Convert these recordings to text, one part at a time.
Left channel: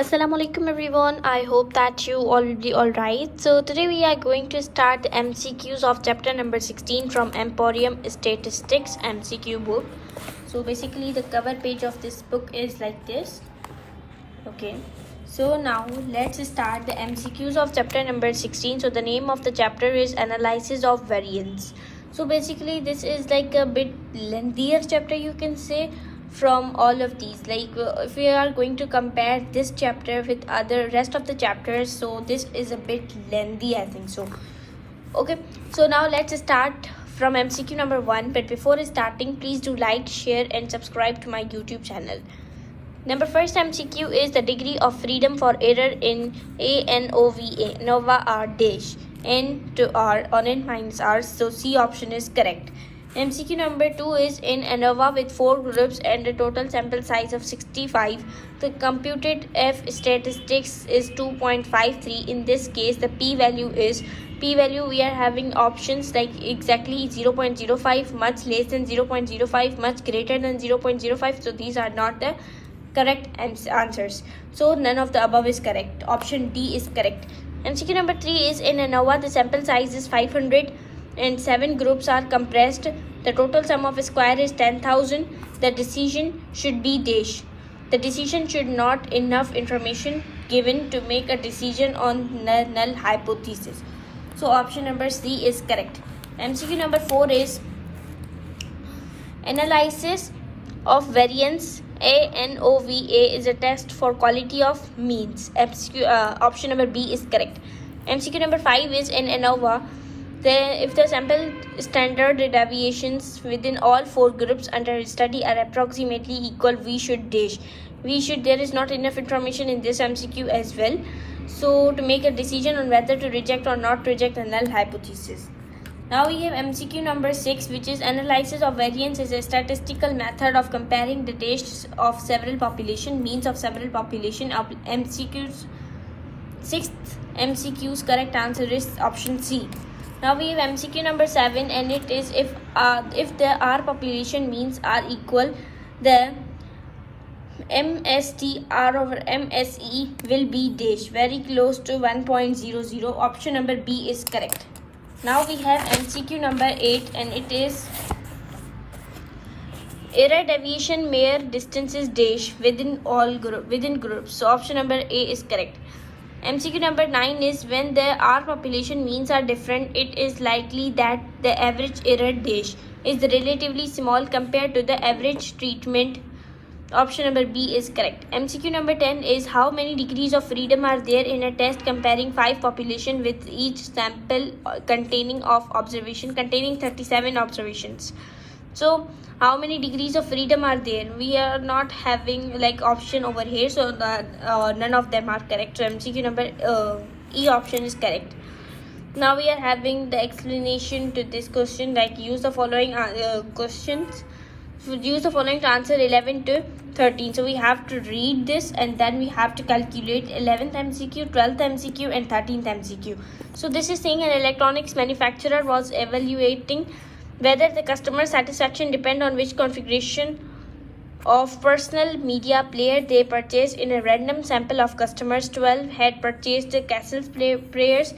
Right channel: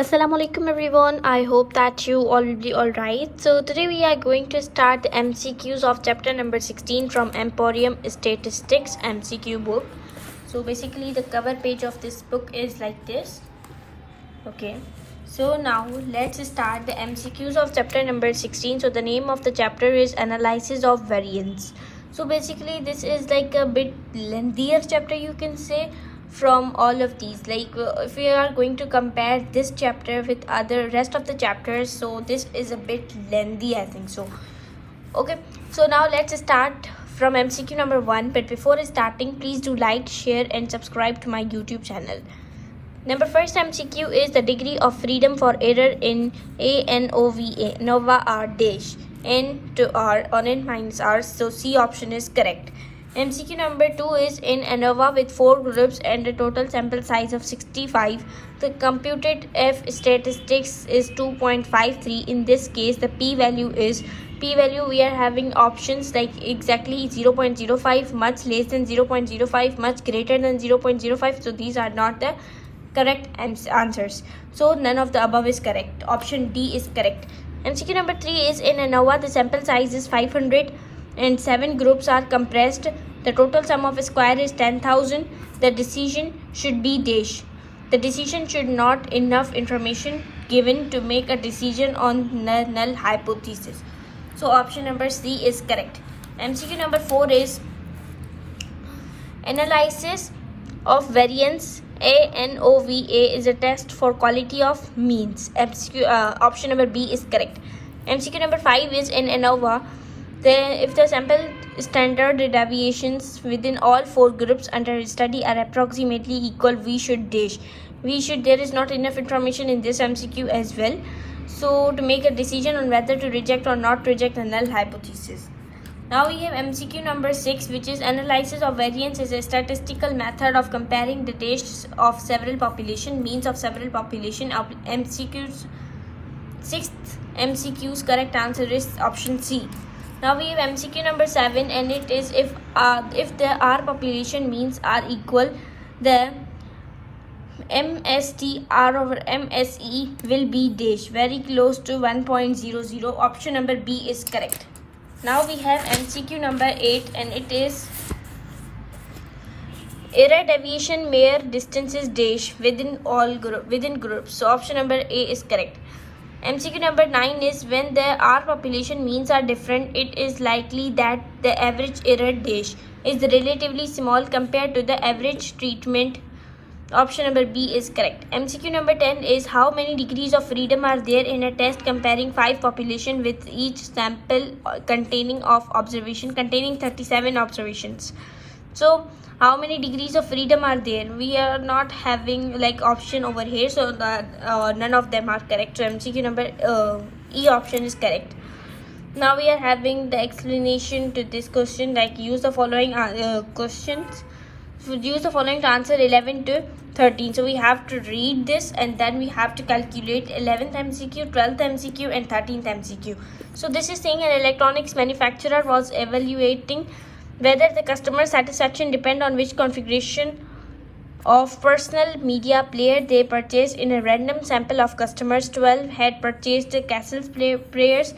Assalamu alaikum everyone. I hope that you already alright. So today we are going to start the MCQs of chapter number 16 from Emporium Statistics MCQ book. So basically the cover page of this book is like this. Okay. So now let's start the MCQs of chapter number 16. So the name of the chapter is Analysis of Variance. So basically this is like a bit lengthier chapter, you can say, from all of these. Like if we are going to compare this chapter with other rest of the chapters, so this is a bit lengthy, I think so. Okay, so now let's start from MCQ number 1. But before starting, please do like, share and subscribe to my YouTube channel. Number first MCQ is the degree of freedom for error in ANOVA. Nova R dash N to R on N minus R. So C option is correct. MCQ number 2 is in ANOVA with 4 groups and a total sample size of 65. The computed F statistics is 2.53. In this case, the p-value is we are having options like exactly 0.05, much less than 0.05, much greater than 0.05. So these are not the correct answers. So none of the above is correct. Option D is correct. MCQ number 3 is in ANOVA. The sample size is 500 and 7 groups are compressed. The total sum of a square is 10,000. The decision should be dash. The decision should not enough information given to make a decision on null hypothesis. So option number C is correct. MCQ number 4 is analysis of variance. ANOVA is a test for quality of means. Option number B is correct. MCQ number 5 is in ANOVA. If the sample standard deviations within all 4 groups under study are approximately equal, we should dash. There is not enough information in this MCQ as well. So to make a decision on whether to reject or not reject a null hypothesis. Now we have MCQ number 6, which is analysis of variance is a statistical method of comparing the tastes of several population, means of several population. Of MCQs, 6th MCQ's correct answer is option C. Now we have MCQ number 7, and it is if the R population means are equal, the MST R over MSE will be dash, very close to 1.00. Option number B is correct. Now we have MCQ number 8, and it is error deviation mere distances dash within groups. So option number A is correct. MCQ number 9 is when the R population means are different, it is likely that the average error dash is relatively small compared to the average treatment. Option number B is correct. MCQ number 10 is how many degrees of freedom are there in a test comparing 5 population with each sample containing 37 observations. So how many degrees of freedom are there? We are not having like option over here, so that none of them are correct. So MCQ number E option is correct. Now we are having the explanation to this question, like use the following questions. Use the following to answer 11 to 13. So we have to read this and then we have to calculate 11th MCQ, 12th MCQ and 13th MCQ. So this is saying an electronics manufacturer was evaluating whether the customer satisfaction depend on which configuration of personal media player they purchased. In a random sample of customers, 12 had purchased Castle's players,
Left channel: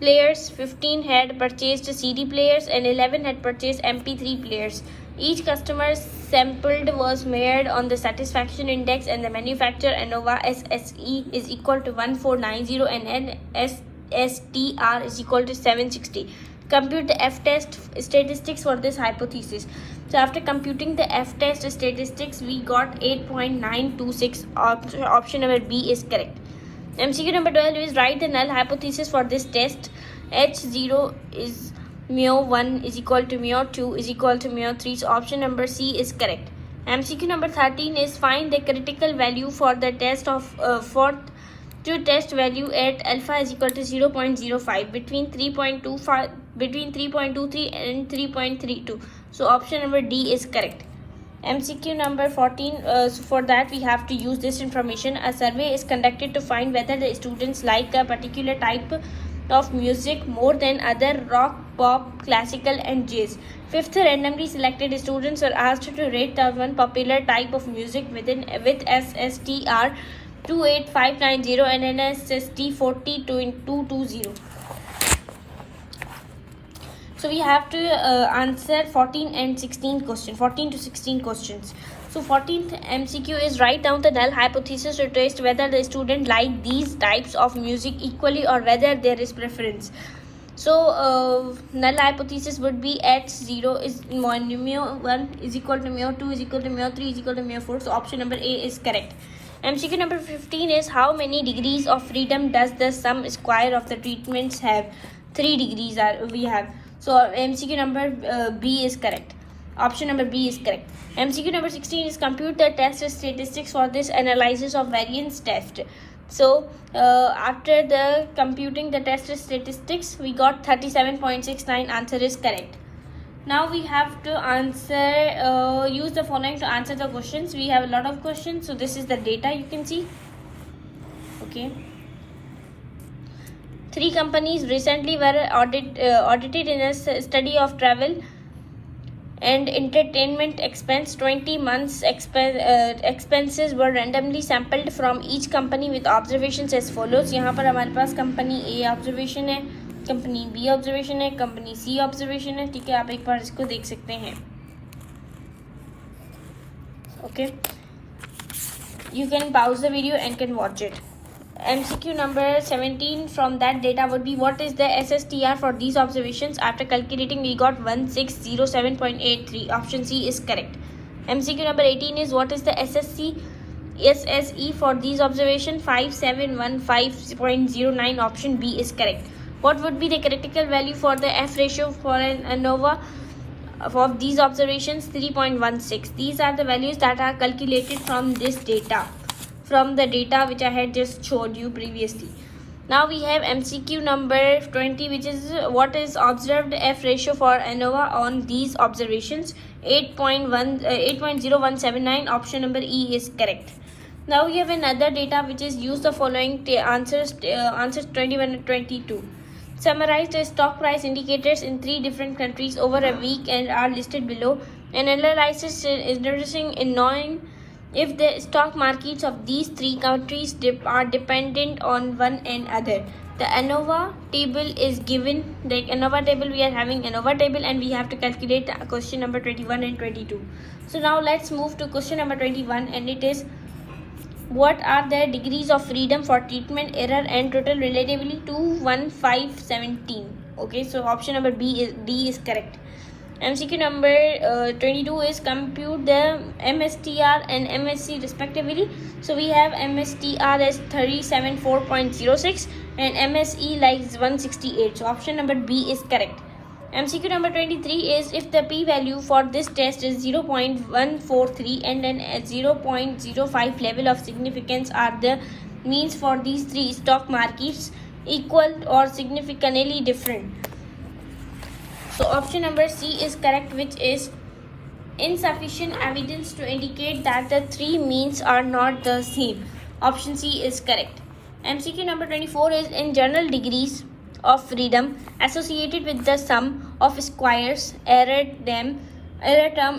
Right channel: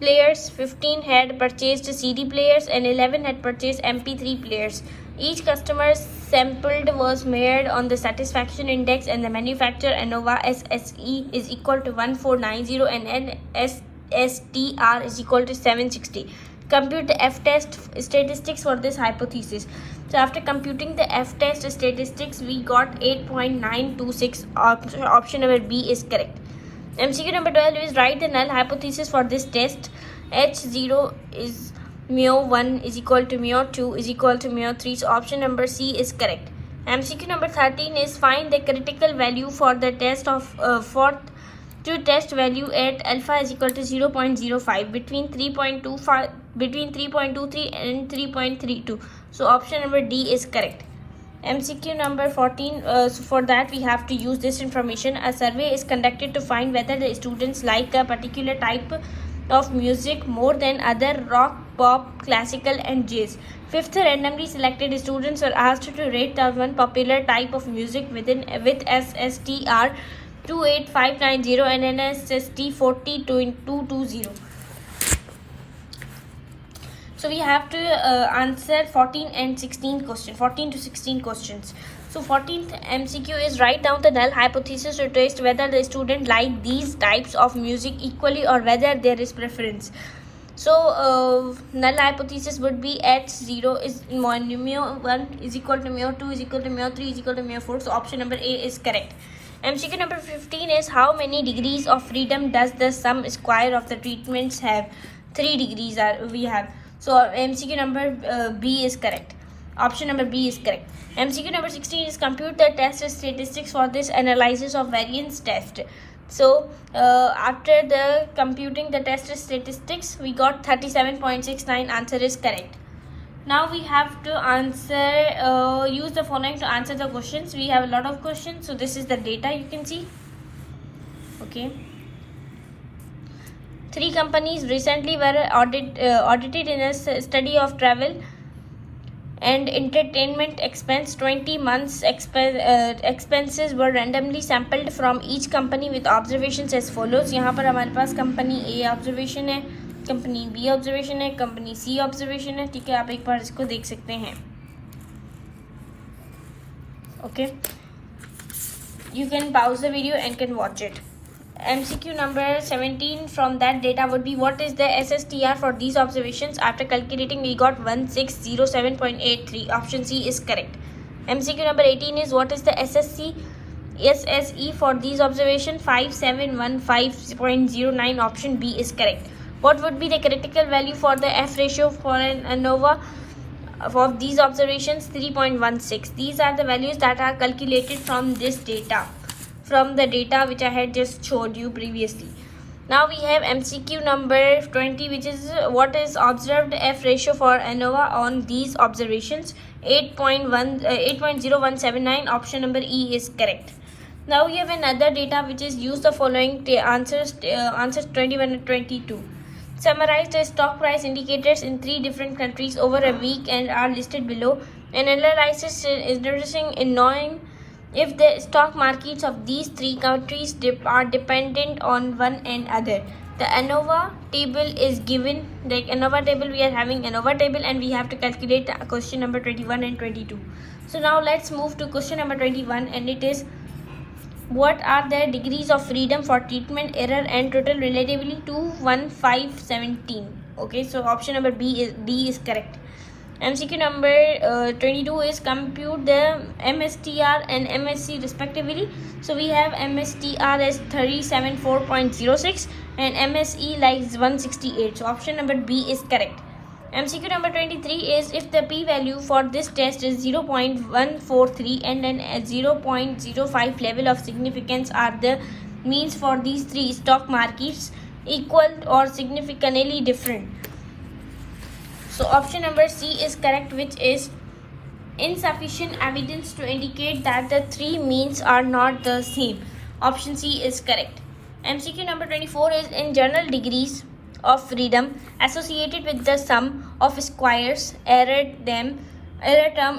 15 had purchased CD players and 11 had purchased MP3 players. Each customer sampled was measured on the satisfaction index, and the manufacturer ANOVA SSE is equal to 1490 and NSSTR is equal to 760. Compute the F-test statistics for this hypothesis. So after computing the F-test statistics, we got 8.926. Option number B is correct. MCQ number 12 is write the null hypothesis for this test. H0 is mu1 is equal to mu2 is equal to mu3. So option number C is correct. MCQ number 13 is find the critical value for the test of to test value at alpha is equal to 0.05 between 3.23 and 3.32. So option number D is correct. MCQ number 14, so for that we have to use this information. A survey is conducted to find whether the students like a particular type of music more than other: rock, pop, classical and jazz. Fifth, randomly selected students were asked to rate the one popular type of music with SSTR 28590 and NSST 40220. So we have to answer 14 and 16 questions, 14 to 16 questions. So 14th MCQ is write down the null hypothesis to test whether the student like these types of music equally or whether there is preference. So null hypothesis would be H0 is mu 1 is equal to mu 2 is equal to mu 3 is equal to mu 4. So option number A is correct. MCQ number 15 is how many degrees of freedom does the sum square of the treatments have? 3 degrees we have. So MCQ number B is correct. Option number B is correct. MCQ number 16 is compute the test statistics for this analysis of variance test. So after the computing the test statistics, we got 37.69. Answer is correct. Now we have to answer, use the following to answer the questions. We have a lot of questions. So this is the data you can see. Okay. 3 companies recently were audited in a study of travel and entertainment expense. 20 months expenses were randomly sampled from each company with observations as follows. यहाँ पर हमारे पास company A observation है, company B observation है, company C observation है. ठीक है, आप एक बार इसको देख सकते हैं. Okay, you can pause the video and can watch it. MCQ number 17 from that data would be what is the SSTR for these observations? After calculating we got 1607.83. Option C is correct. MCQ number 18 is what is the SSE for these observations? 5715.09. Option B is correct. What would be the critical value for the F ratio for an ANOVA for these observations? 3.16. These are the values that are calculated from this data, from the data which I had just showed you previously. Now we have MCQ number 20, which is what is observed F ratio for ANOVA on these observations? 8.0179. Option number E is correct. Now we have another data which is use the following answers 21 and 22. Summarize the stock price indicators in 3 different countries over a week and are listed below. An analysis is interesting in knowing if the stock markets of these 3 countries are dependent on one another. The ANOVA table is given. The ANOVA table, we are having ANOVA table and we have to calculate question number 21 and 22. So now let's move to question number 21, and it is what are the degrees of freedom for treatment error and total relatively to 1517. Okay, so option number D is correct. MCQ number 22 is compute the MSTR and MSC respectively. So we have MSTR as 374.06 and MSE like 168. So option number B is correct. MCQ number 23 is if the p-value for this test is 0.143 and then a 0.05 level of significance are the means for these 3 stock markets equal or significantly different. So option number C is correct, which is insufficient evidence to indicate that the 3 means are not the same. Option C is correct. MCQ number 24 is in general degrees of freedom associated with the sum of squares error term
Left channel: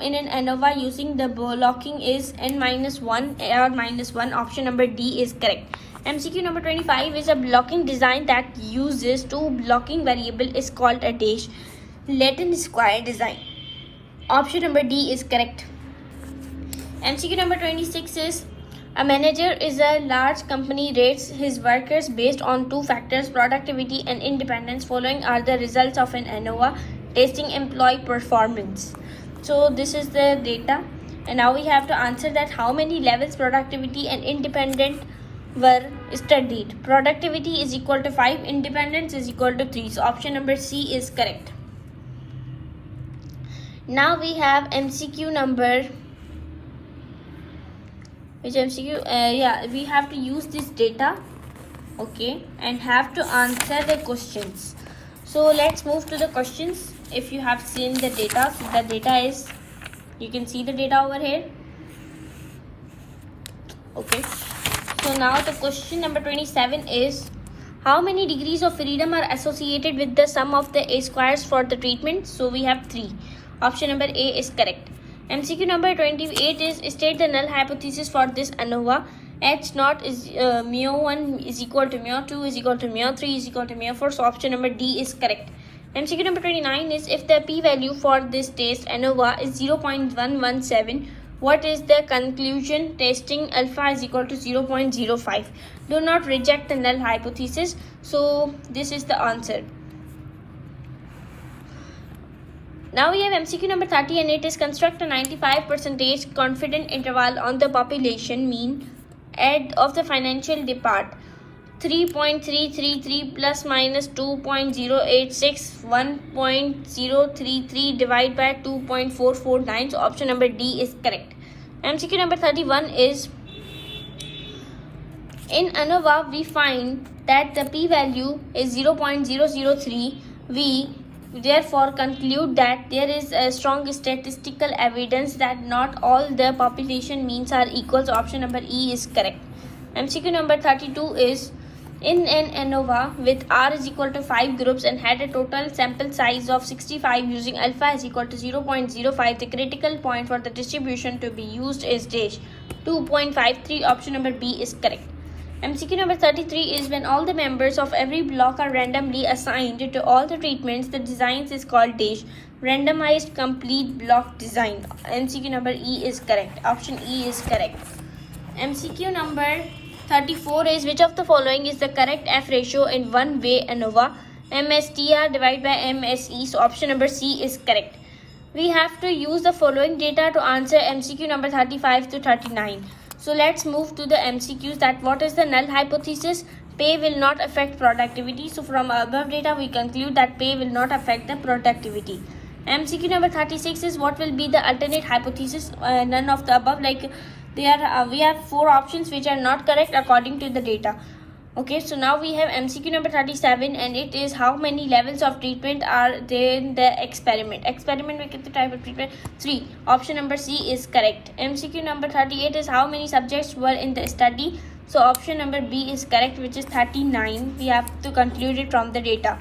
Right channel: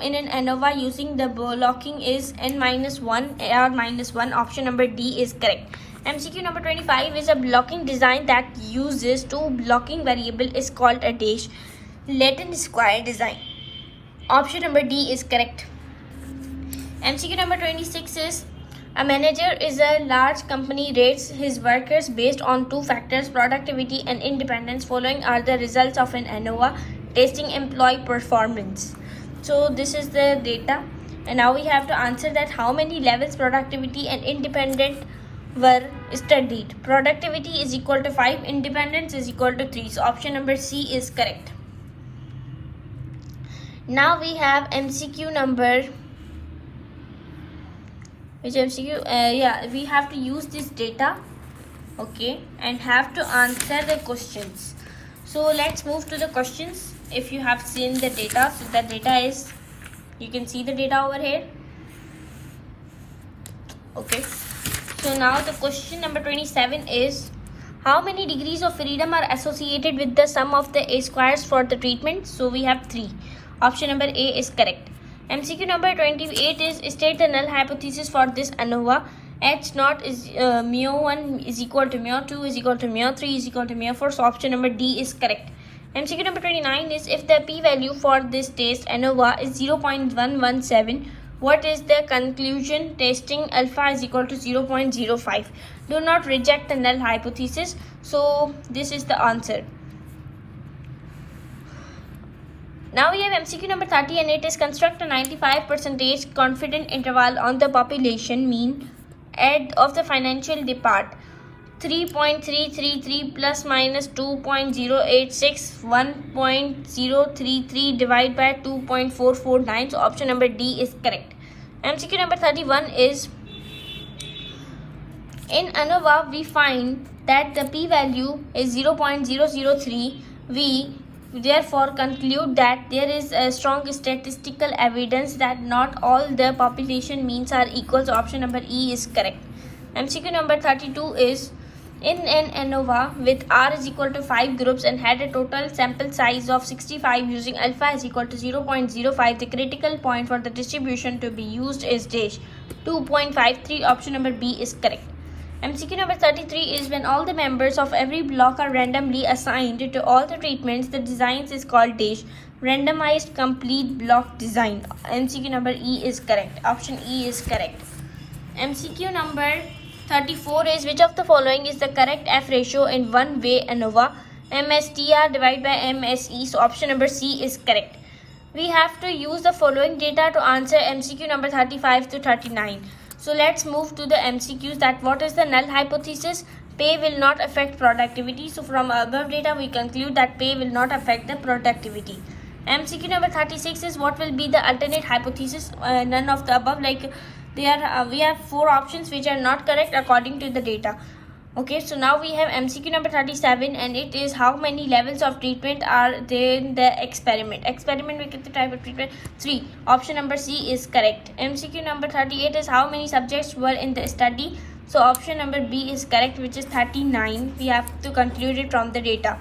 in an ANOVA using the blocking is n-1 or -1. Option number D is correct. MCQ number 25 is a blocking design that uses 2 blocking variable is called a dash Latin square design. Option number D is correct. MCQ number 26 is a manager is a large company rates his workers based on 2 factors, productivity and independence. Following are the results of an ANOVA testing employee performance. So this is the data, and now we have to answer that how many levels productivity and independent were studied. Productivity is equal to 5, independence is equal to 3. So option number C is correct. Now we have MCQ number we have to use this data, okay, and have to answer the questions. So let's move to the questions. If you have seen the data, so the data is, you can see the data over here. Okay, so now the question number 27 is how many degrees of freedom are associated with the sum of the A squares for the treatment? So we have 3. Option number A is correct. MCQ number 28 is state the null hypothesis for this ANOVA H naught is mu1 is equal to mu2 is equal to mu3 is equal to mu4. So option number D is correct. MCQ number 29 is if the p-value for this test ANOVA is 0.117, what is the conclusion? Testing alpha is equal to 0.05. Do not reject the null hypothesis. So this is the answer. Now we have MCQ number 30 and it is construct a 95% confident interval on the population mean of the financial depart 3.333 plus minus 2.086 1.033 divided by 2.449. So option number D is correct. MCQ number 31 is in ANOVA we find that the p-value is 0.003. We therefore conclude that there is a strong statistical evidence that not all the population means are equal. So option number E is correct. MCQ number 32 is in an ANOVA with R is equal to 5 groups and had a total sample size of 65 using alpha is equal to 0.05. The critical point for the distribution to be used is dash 2.53. Option number B is correct. MCQ number 33 is when all the members of every block are randomly assigned to all the treatments, the designs is called dash randomized complete block design. MCQ number E is correct. Option E is correct. MCQ number 34 is which of the following is the correct F ratio in one way ANOVA? MSTR divided by MSE. So option number C is correct. We have to use the following data to answer MCQ number 35 to 39. So let's move to the MCQs. That what is the null hypothesis? Pay will not affect productivity. So from above data we conclude that pay will not affect the productivity. MCQ number 36 is what will be the alternate hypothesis? None of the above. Like we have 4 options which are not correct according to the data. Okay, so now we have MCQ number 37 and it is how many levels of treatment are there in the experiment. Experiment में कितने type of treatment? 3. Option number C is correct. MCQ number 38 is how many subjects were in the study. So option number B is correct, which is 39. We have to conclude it from the data.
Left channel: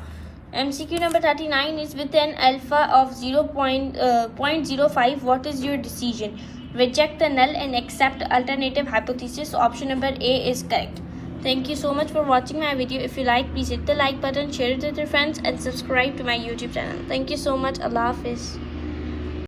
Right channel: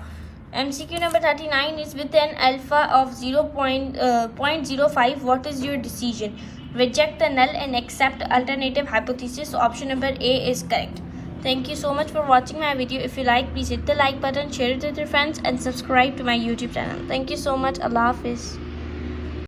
MCQ number 39 is with an alpha of 0.05. What is your decision? Reject the null and accept alternative hypothesis. So option number A is correct. Thank you so much for watching my video. If you like, please hit the like button, share it with your friends and subscribe to my YouTube channel. Thank you so much. Allah Hafiz.